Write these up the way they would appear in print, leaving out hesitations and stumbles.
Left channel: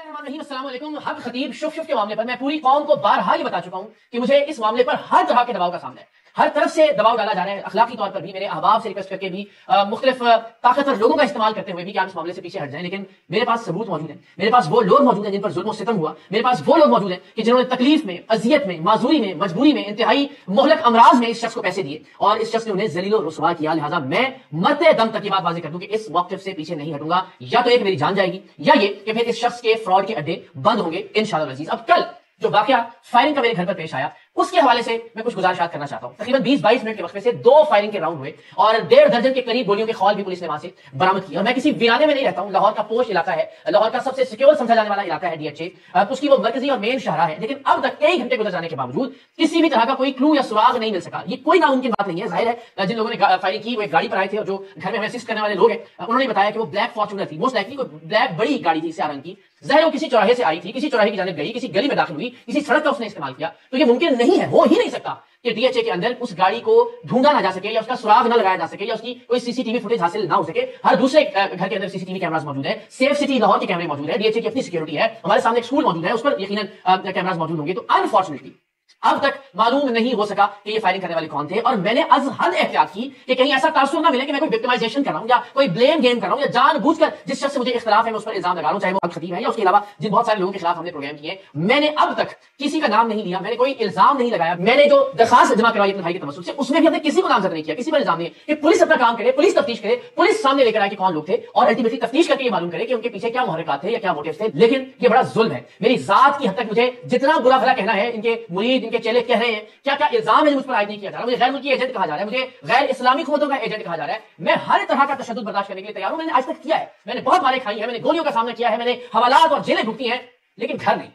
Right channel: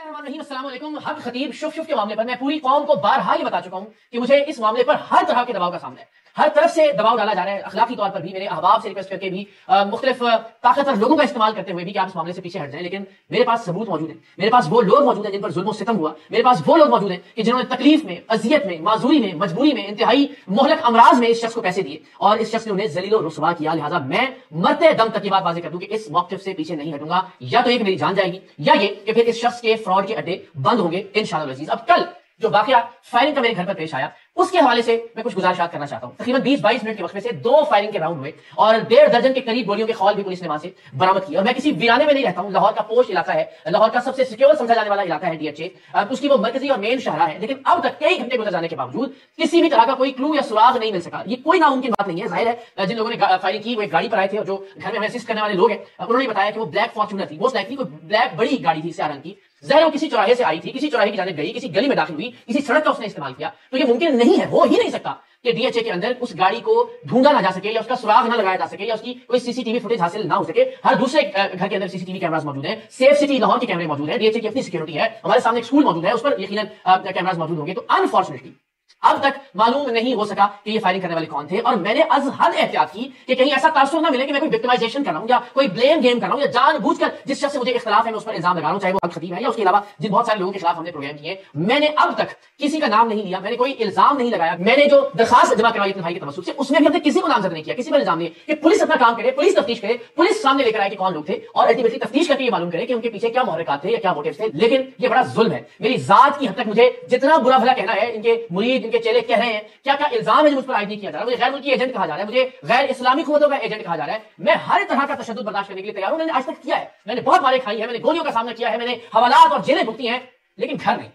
अस्सलाम वालेकुम। हक खतीब शुफ के मामले पर मैं पूरी कौम को बारहा ही बता चुका हूं कि मुझे इस मामले पर हर तरह के दबाव का सामना है, हर तरफ से दबाव डाला जा रहा है। अखलाकी तौर पर भी मेरे अहबाब से रिक्वेस्ट करके भी मुख्तलिफ ताकतवर लोगों का इस्तेमाल करते हुए भी कि आप इस मामले से पीछे हट जाएं, लेकिन मेरे पास सबूत मौजूद है। मेरे पास वो लोग मौजूद हैं जिन पर जुल्म सितम हुआ। मेरे पास वो लोग मौजूद हैं कि जिन्होंने तकलीफ में, अजियत में, माजूरी में, मजबूरी में, इंतहाई मोहलक अमराज में इस शख्स को पैसे दिए और इस शख्स ने उन्हें जलील और रुसवा किया। लिहाजा मैं मरते दम तक ये बात वाज़ेह कर दूं कि इस मौक़िफ़ से पीछे नहीं हटूंगा। या तो एक मेरी जान जाएगी या ये कि फिर इस शख्स के फ्रॉड के अड्डे बंद होंगे इंशाअल्लाह अज़ीज़। अब कल जो वाकया फायरिंग का मेरे घर पर पेश आया उसके हवाले से मैं कुछ गुजारिशात करना चाहता हूं। तकरीबन 20-22 मिनट के वक्त में से 2 फायरिंग के राउंड हुए और 1.5 दर्जन के करीब गोलियों के खौल भी पुलिस ने वहां से बरामद किया। और मैं किसी वीराने में नहीं रहता हूं, लाहौर का पोश इलाका है, लाहौर का सबसे सिक्योर समझा जाने वाला इलाका है DHA, उसकी वो मरकजी और मेन शहरा है। लेकिन अब तक कई घंटे गुजर जाने के बावजूद किसी भी तरह का कोई क्लू या सुराग नहीं मिल सका। ये कोई नामुमकिन बात नहीं है। जाहिर है जिन लोगों ने फायरिंग की वो एक गाड़ी पर आए थे और जो घर में हमें असिस्ट करने वाले लोग हैं उन्होंने बताया कि वो ब्लैक फॉर्च्यूनर थी, मोस्ट लाइकली कोई ब्लैक बड़ी गाड़ी थी सियाह रंग की। ज़ाहिर वो किसी चौराहे से आई थी, किसी चौराहे की जानिब गई, किसी गली में दाखिल हुई, किसी सड़क का उसने इस्तेमाल किया। तो ये मुमकिन नहीं है, हो ही नहीं सकता कि DHA के अंदर उस गाड़ी को ढूंढा ना जा सके या उसका सुराग ना लगाया जा सके या उसकी कोई सीसीटीवी फुटेज हासिल ना हो सके। हर दूसरे घर के अंदर सीसीटीवी कैमरास मौजूद है, सेफ सिटी लाहौर के कैमरे मौजूद है, DHA की अपनी सिक्योरिटी है, हमारे सामने एक स्कूल मौजूद है, उस पर यकीनन कैमरास मौजूद होंगे। तो अनफॉर्चुनेटली अब तक मालूम नहीं हो सका कि ये फायरिंग करने वाले कौन थे। और मैंने आज हद एहतियात की कि कहीं ऐसा तासुर ना मिले कि मैं कोई विक्टिमाइजेशन कर रहा हूं या कोई ब्लेम गेम कर रहा हूं या जानबूझकर जिस शख्स से मुझे इख्तिलाफ है मैं उस पर इल्जाम लगा रहा हूं, चाहे वो हक खतीब है या उसके अलावा जिन बहुत सारे लोगों के खिलाफ हमने प्रोग्राम किए। मैंने अब तक किसी का नाम नहीं लिया, मैंने कोई इल्जाम नहीं लगाया। मैंने जो दरखास्त जमा करवाई अपने भाई के तमस्सुक से उसमें भी हमने किसी को नामजद नहीं किया, किसी पर इल्जाम नहीं कि पुलिस अपना काम करे, पुलिस तफ्तीश करे, पुलिस सामने लेकर आए कि कौन लोग थे और अल्टीमेटली तफ्तीश करके ये मालूम करे कि उनके पीछे क्या मुहर्रिकात थे या क्या मोटिव थे। लेकिन ये बड़ा जुल्म है। मेरी जात की हद तक मुझे जितना बुरा भला कहना है, इनके मुरीद, इनके चेले कह रहे हैं, क्या क्या इल्जाम है जो मुझ पर आयद नहीं किया जा रहा। मुझे गैर मुल्की एजेंट कहा जा रहा है, मुझे गैर इस्लामी हुकूमतों का एजेंट कहा जा रहा है। मैं हर तरह का तशद्दुद बर्दाश्त करने के लिए तैयार हूं। मैंने आज तक किया है, मैंने बहुत मारें खाई है, मैंने गोलियों का सामना किया है, मैंने हवालात और जेलें भुगती हैं, लेकिन घर नहीं,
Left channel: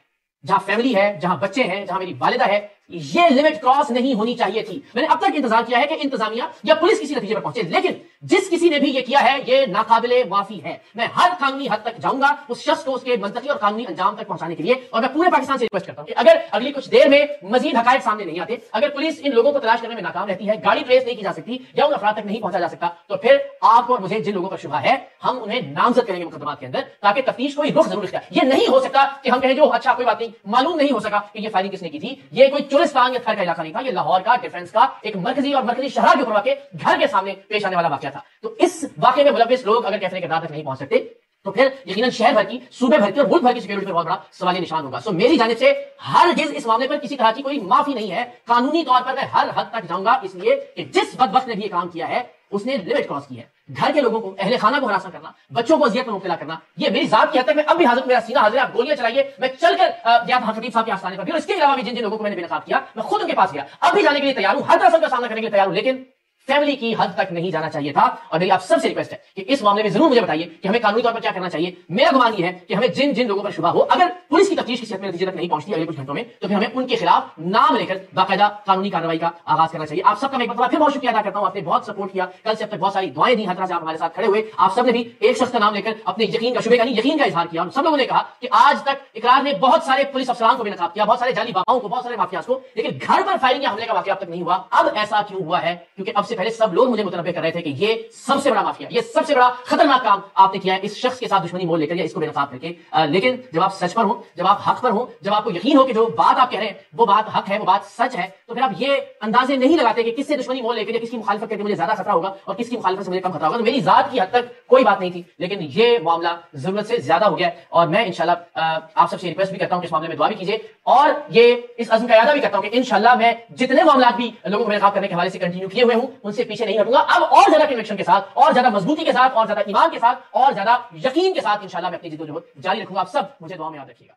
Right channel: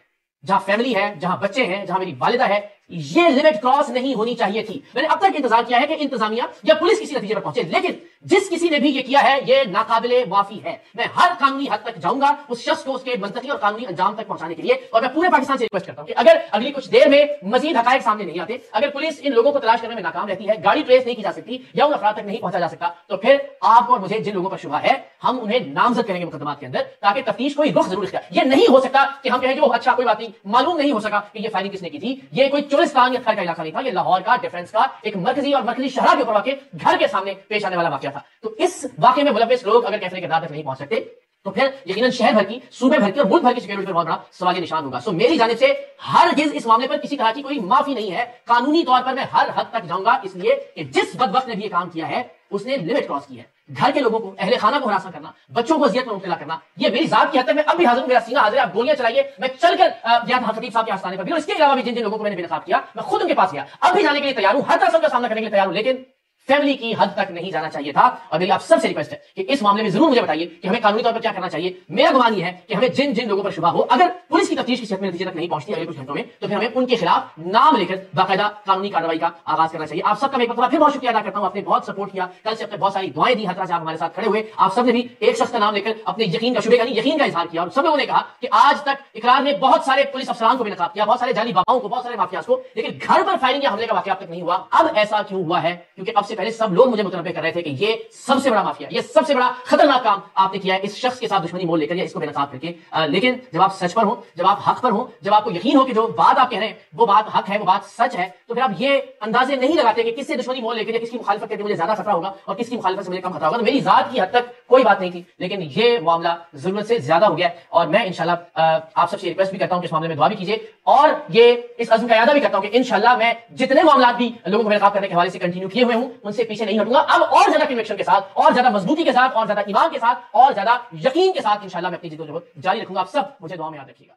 जहां फैमिली है, जहां बच्चे हैं, जहां मेरी वालिदा है, ये लिमिट क्रॉस नहीं होनी चाहिए थी। मैंने अब तक इंतजार किया है कि इंतजामिया या पुलिस किसी नतीजे पर पहुंचे, लेकिन जिस किसी ने भी ये किया है ये नाकाबिले माफी है। मैं हर कानूनी हद तक जाऊंगा उस शख्स को उसके मंतकी और कानूनी अंजाम तक पहुंचाने के लिए। और मैं पूरे पाकिस्तान से रिक्वेस्ट करता हूं कि अगर अगली कुछ देर में मजीद हकायक सामने नहीं आते, अगर पुलिस इन लोगों को तलाश करने में नाकाम रहती है, गाड़ी ट्रेस नहीं की जा सकती या उन अफराद तक नहीं पहुंचा जा सकता, तो फिर आप और मुझे जिन लोगों का शुबा है हम उन्हें नामजद करेंगे मुकदमात के अंदर, ताकि तफ्तीश कोई रुख जरूर इसका। ये नहीं हो सकता कि हम कहें जो अच्छा कोई बात नहीं, मालूम नहीं हो सका कि ये फायरिंग किसने की थी। ये कोई चुलिस्तान या थार का इलाका नहीं था, ये लाहौर का डिफेंस का एक मरकजी और मरकजी शहर के ऊपर वाक़े घर के सामने पेश आने वाला वाकया था। तो इस वाकये में मुलव्विस लोग अगर कैफे के रात तक नहीं पहुंच सकते तो फिर यकीनन शहर भर की, सूबे भर की और मुल्क भर की सिक्योरिटी पर बहुत बड़ा सवाल निशान होगा। सो मेरी जानिब से हरगिज़ इस मामले पर किसी तरह की कोई माफी नहीं है। कानूनी तौर पर मैं हर हद तक जाऊंगा, इसलिए कि जिस बदबख्त ने भी ये काम किया है उसने लिमिट क्रॉस की है। घर के लोगों को, अहले खाना को हरासा करना, बच्चों को अजियत में मुब्तला करना, ये मेरी जात की हद तक मैं अब भी हाजिर हूं, मेरा सीना हाजिर है। आप गोलियां चलाइए, मैं चलकर गया था खतीब साहब के आस्थाने पर भी और इसके अलावा भी जिन जिन लोगों को मैंने बेनकाब किया मैं खुद उनके पास गया। अब भी जाने के लिए तैयार हूं, हर तरह का सामना करने के लिए तैयार हूं, लेकिन फैमिली की हद तक नहीं जाना चाहिए था। और मेरी आप सबसे रिक्वेस्ट है कि इस मामले में जरूर मुझे बताइए कि हमें कानूनी तौर पर क्या करना चाहिए। मेरा गुमान ये है कि हमें जिन जिन लोगों पर शुबा हो, अगर पुलिस की तफ्तीश किसी नतीजे तक नहीं पहुंचती अगले कुछ घंटों में, तो फिर हमें उनके खिलाफ नाम लेकर बाकायदा कानूनी कार्रवाई का आगाज करना चाहिए। आप सबका मैं एक बार फिर बहुत शुक्रिया अदा करता हूं, आपने बहुत सपोर्ट किया, कल से आपने बहुत सारी दुआएं दी, हर तरह से आप हमारे साथ खड़े हुए। आप सबने भी एक शख्स का नाम लेकर अपने यकीन का, शुबे का नहीं यकीन का इजहार किया। और सब लोगों ने कहा कि आज तक इकरार ने बहुत सारे पुलिस अफसरान को भी नकाब किया, बहुत सारे जाली बाबाओं को, बहुत सारे माफियाज को, लेकिन घर पर फायरिंग या हमले का वाकया अब तक नहीं हुआ। अब ऐसा क्यों हुआ है? क्योंकि अब से पहले सब लोग मुझे मुतनब्बे कर रहे थे कि ये सबसे बड़ा माफिया, ये सबसे बड़ा खतरनाक काम आपने किया है इस शख्स के साथ दुश्मनी मोल लेकर या इसको बेनकाब करके। लेकिन जब आप सच पर हो, जब आप हक पर हो, जब आपको यकीन हो कि जो बात आप कह रहे हैं वो बात हक है, वो बात सच है, तो फिर आप ये अंदाजे नहीं लगाते कि किससे दुश्मनी मोल लेकर या किसकी मुखालफत करके मुझे ज्यादा खतरा होगा और किसकी मुखालफत से मुझे कम खतरा होगा। तो मेरी जात की हद तक कोई बात नहीं थी, लेकिन ये मामला जरूरत से ज्यादा हो गया और मैं इंशाल्लाह आप सबसे रिक्वेस्ट भी करता हूं कि इस मामले में दुआ भी कीजिए और ये इस अज़्म का इरादा भी करता हूं कि इंशाल्लाह मैं जितने मामला भी लोगों को बेनकाब करने के हवाले से कंटिन्यू किए हुए हूं उनसे पीछे नहीं हटूंगा। अब और ज्यादा कन्विक्शन के साथ, और ज्यादा मजबूती के साथ, और ज्यादा ईमान के साथ, और ज्यादा यकीन के साथ इंशाल्लाह मैं अपनी जिद्दोजहद जारी रखूंगा। आप सब मुझे दुआ में याद रखिएगा।